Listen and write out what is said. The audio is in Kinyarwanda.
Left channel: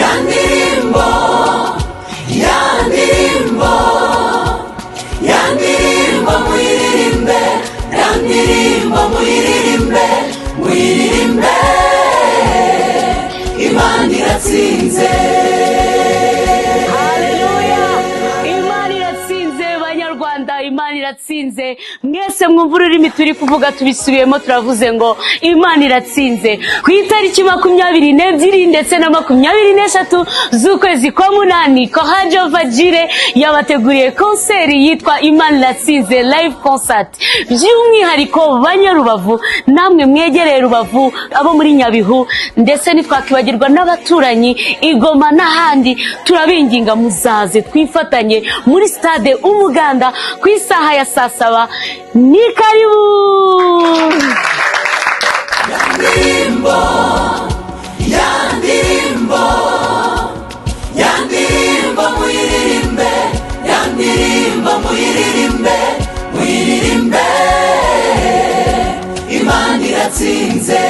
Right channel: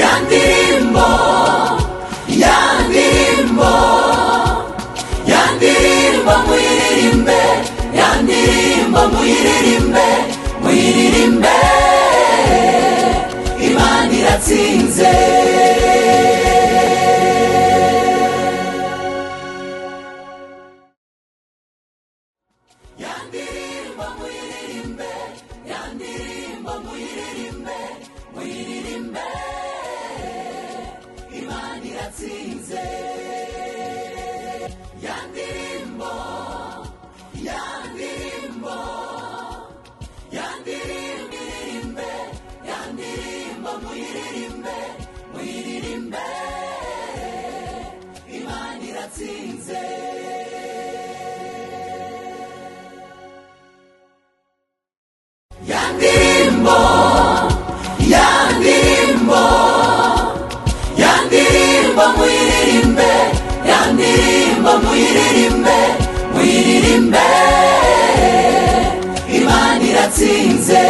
yandirimbo yandirimbo yandirimbo muyiririmbe yandirimbo muyiririmbe muyiririmbe Imana iratsinze Imana iratsinze mwese mwumva ururimi turi kuvuga tubisubiyemo turavuze ngo Imana iratsinze ku itariki 22 ndetse na 23 z'ukwezi kwa munani ko Jehovahjireh yabateguriye konseri yitwa Imana iratsinze live concert by'umwihariko banyarubavu namwe mwegereye Rubavu abo muri Nyabihu ndetse nitwakibagirwa n'abaturanyi Igoma n'ahandi turabinginga muzaze twifatanye muri Stade Umuganda ku isaha ya saa 7 ni karibu yandirimbo yandirimbo yandirimbo muyiririmbe yandirimbo muyiririmbe muyiririmbe Imana iratsinze